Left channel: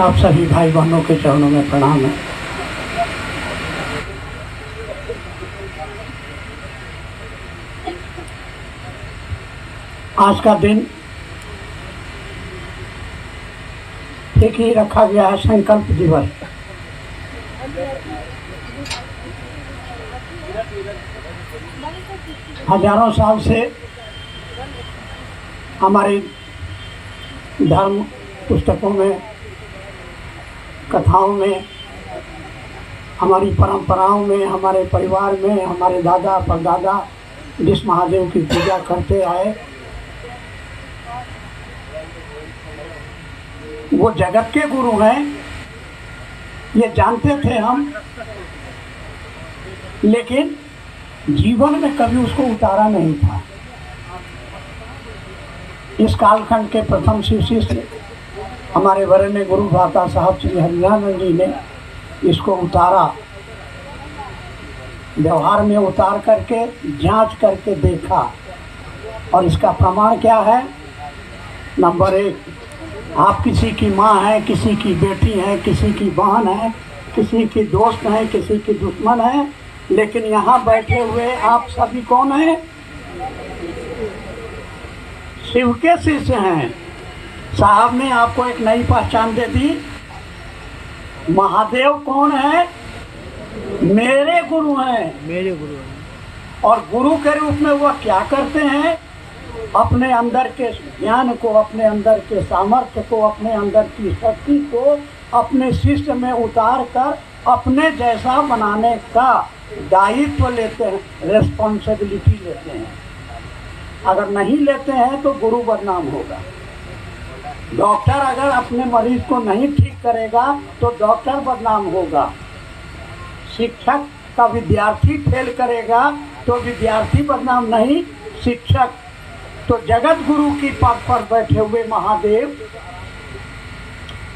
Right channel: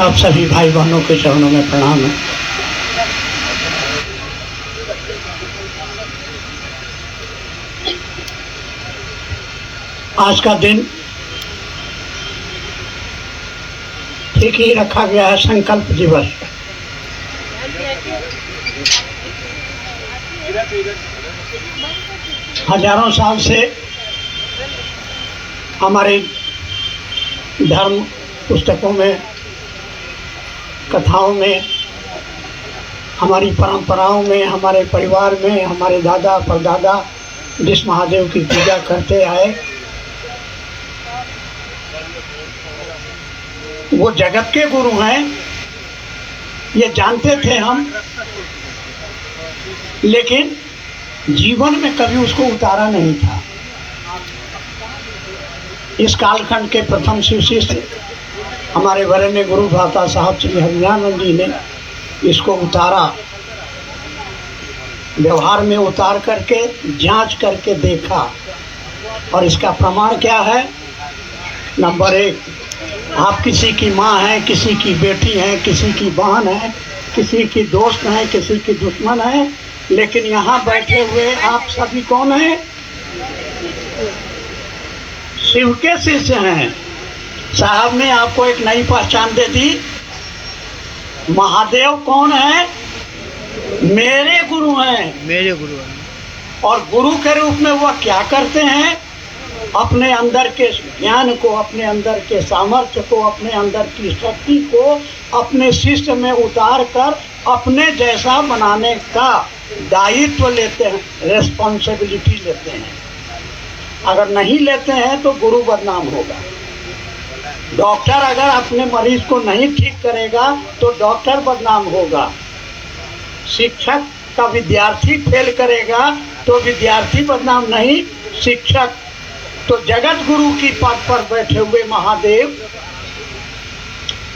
आप सभी भाई बहनों के चरणों में प्रणाम है। आज का दिन ठीक ही रखा गया है संकल्प दिवस। हजारों साल से हमारे धर्म पुस्तकों में, कथाओं में, हमारी परंपराओं में, हमारे परिवार में हमारे दादा परदादा जिस महादेव की पूजा करते आए वो जगत के गुरु हैं, ये जानते थे हम, लेकिन जीवन में कभी उसको उतारा नहीं था। इस कालखंड के प्रथम शिव शिष्य हमारे वरेण्य गुरु भ्राता साहब श्री हरिनानंद जी ने इसको उतारा, व्यवहार में उतार करके जांच करके देखा। और इसका प्रमाण क्या है? नंबर 1, आप किसी की माँ हैं, किसी की बेटी हैं, किसी की बहन है, किसी की दोस्त हैं, किसी की दुश्मन है, लेकिन यहाँ बैठे हुए आप सभी कौन हैं? शिव के शिष्य हैं। साहब ने आपको एक नई पहचान दे दी। महादेव कौन है? मेरे गुरु हैं। मेरे गुरु हैं। और गुरु के रूप में वह क्या करते हैं? अपने अंदर के ज्ञान को, अपने अंदर के सामर्थ्य को, अपने अंदर की शक्ति को अपने शिष्य में उतार कर अपने जैसा बनाने का दायित्व लेते हैं, रेस्पॉन्सिबिलिटी लेते हैं। अगर नहीं लेते हैं तो गुरु बदनाम होगा। डॉक्टर अगर अपने मरीज को नहीं ठीक करेगा तो डॉक्टर बदनाम होगा। शिक्षक का विद्यार्थी फेल करेगा तो विद्यार्थी बदनाम नहीं, शिक्षक। तो जगत गुरु की पद पर बैठे हुए महादेव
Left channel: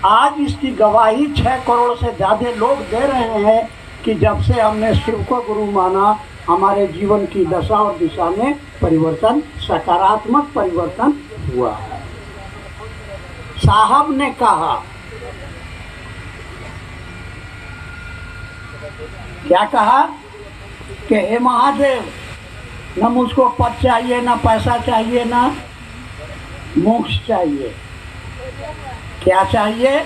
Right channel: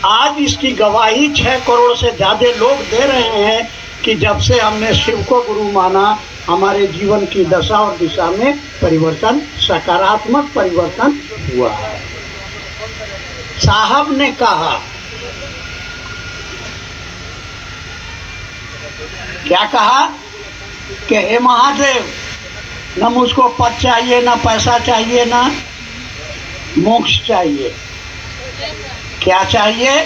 आज इसकी गवाही 6 करोड़ से ज्यादा लोग दे रहे हैं कि जब से हमने शिव को गुरु माना हमारे जीवन की दशा और दिशा में परिवर्तन, सकारात्मक परिवर्तन हुआ है। साहब ने कहा, क्या कहा कि हे महादेव, न मुझको पद चाहिए, न पैसा चाहिए, न मोक्ष चाहिए। क्या चाहिए?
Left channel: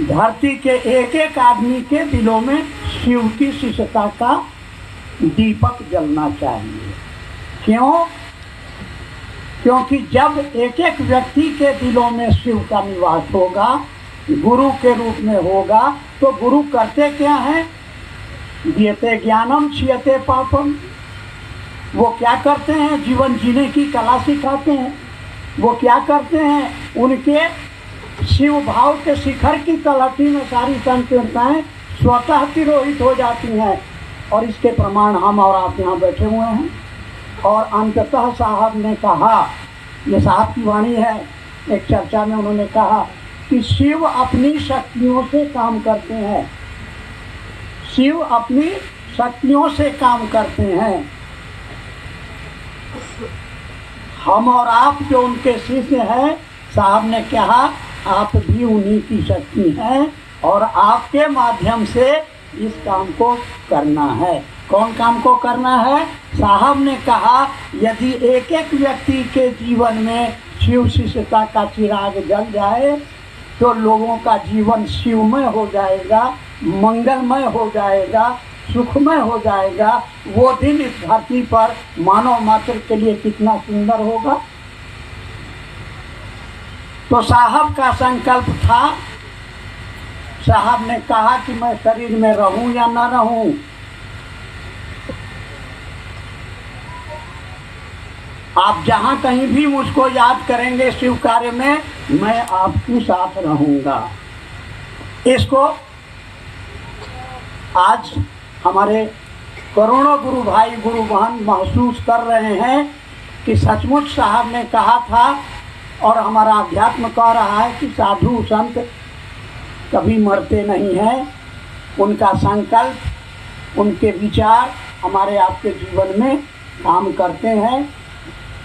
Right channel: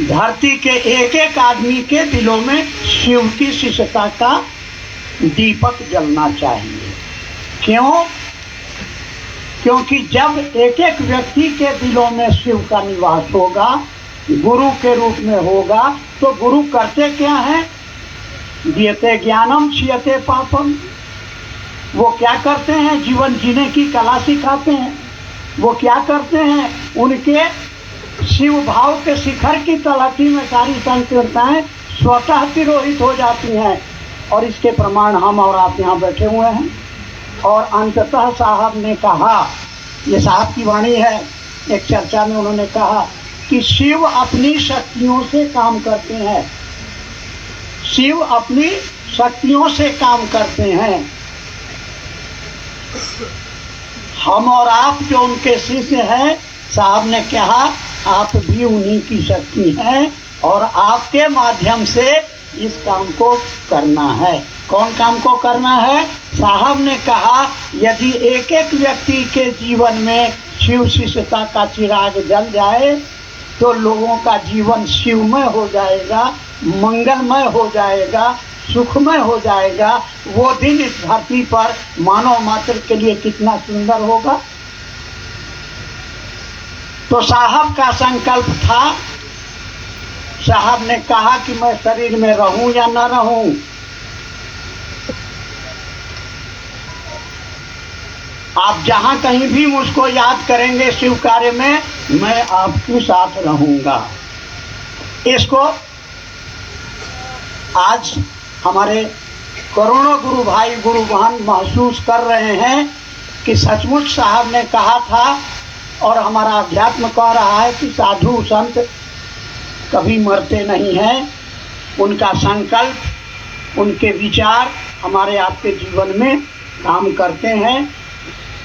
धरती के एक एक आदमी के दिलों में शिव की शिष्यता का दीपक जलना चाहिए। क्यों? क्योंकि जब एक एक व्यक्ति के दिलों में शिव का निवास होगा, गुरु के रूप में होगा, तो गुरु करते क्या हैं? दीयते ज्ञानम क्षीयते पापम। वो क्या करते हैं? जीवन जीने की कला सिखाते हैं। वो क्या करते हैं? उनके शिव भाव के शिखर की तलहटी में सारी संकीर्णताएं स्वतः तिरोहित हो जाती हैं। और इसके प्रमाण हम और आप यहाँ बैठे हुए हैं। और अंततः साहब ने कहा, ये साहब की वाणी है, एक चर्चा में उन्होंने कहा कि शिव अपनी शक्तियों से काम करते हैं। शिव अपनी शक्तियों से काम करते हैं। हम और आप जो उनके शिष्य हैं, साहब ने कहा आप भी उन्हीं की शक्ति हैं और आपके माध्यम से इस काम को करना है। कौन काम को करना है? साहब ने कहा यदि एक एक व्यक्ति के जीवन में शिव शिष्यता का चिराग जल जाए तो लोगों का जीवन शिवमय हो जाएगा, मंगलमय हो जाएगा, सुखमय हो जाएगा। वो दिन इस धरती पर मानव मात्र के लिए कितना सुंदर होगा। तो साहब का संकल्प था। साहब ने कहा कि मैं शरीर में रहूं या न रहूं, आप जहां कहीं भी मुझको याद करेंगे शिव कार्य में, मैं आपके साथ रहूंगा। इसको आज हमारे करोड़ों गुरु भाई गुरु बहन महसूस कर रहे हैं कि सचमुच साहब ने कहा था और हमारा अध्यात्म कह रहा है कि साधु संत कभी मरते नहीं हैं। उनका संकल्प, उनके विचार हमारे आपके जीवन में काम करते हैं।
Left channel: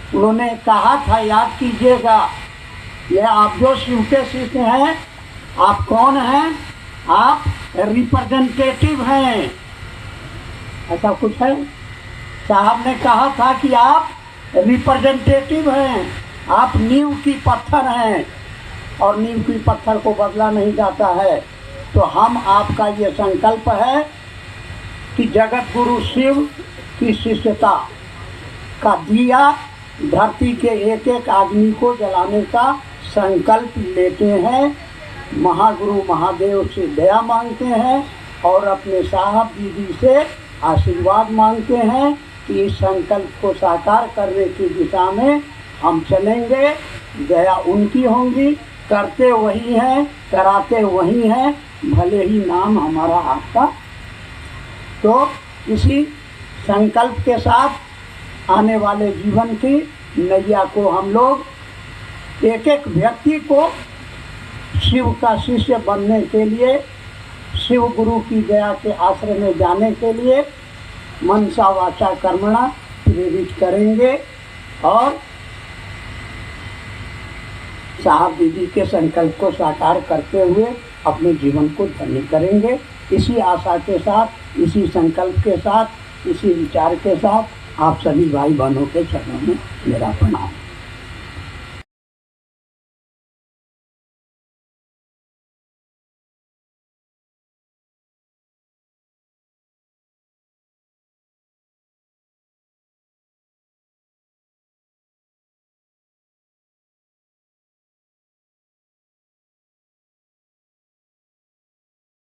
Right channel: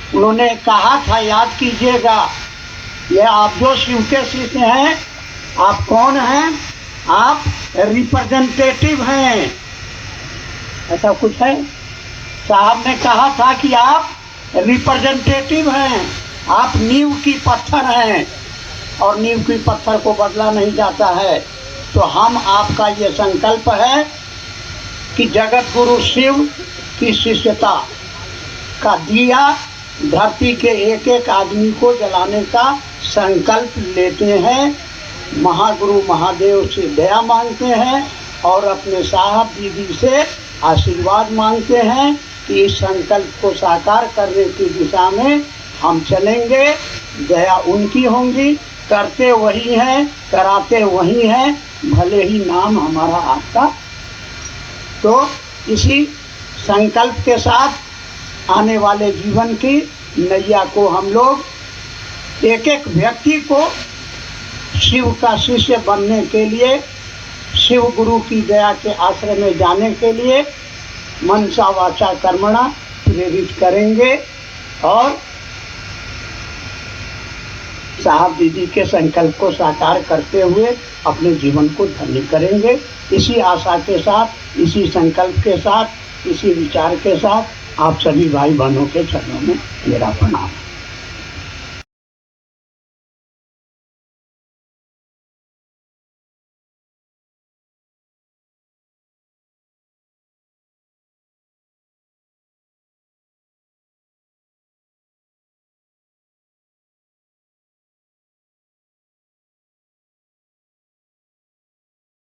उन्होंने कहा था, याद कीजिएगा, ये आप जो शिव के शिष्य हैं आप कौन हैं? आप रिप्रेजेंटेटिव हैं। ऐसा कुछ है? साहब ने कहा था कि आप रिप्रेजेंटेटिव हैं, आप नींव की पत्थर हैं और नींव की पत्थर को बदला नहीं जाता है। तो हम आपका ये संकल्प है कि जगत गुरु शिव की शिष्यता का दिया धरती के एक एक आदमी को जलाने का संकल्प लेते हैं, महागुरु महादेव से दया मांगते हैं और अपने साहब दीदी से आशीर्वाद मांगते हैं कि इस संकल्प को साकार करने की दिशा में हम चलेंगे। दया उनकी होंगी, करते वही हैं, कराते वही हैं, भले ही नाम हमारा आपका। तो इसी संकल्प के साथ आने वाले जीवन की नैया को हम लोग एक एक व्यक्ति को शिव का शिष्य बनने के लिए, शिव गुरु की दया के आश्रय में जाने के लिए मनसा वाचा कर्मणा प्रेरित करेंगे और साहब दीदी के संकल्प को साकार करते हुए अपने जीवन को धन्य करेंगे। इसी आशा के साथ, इसी संकल्प के साथ, इसी विचार के साथ आप सभी भाई बहनों के चरणों में मेरा प्रणाम।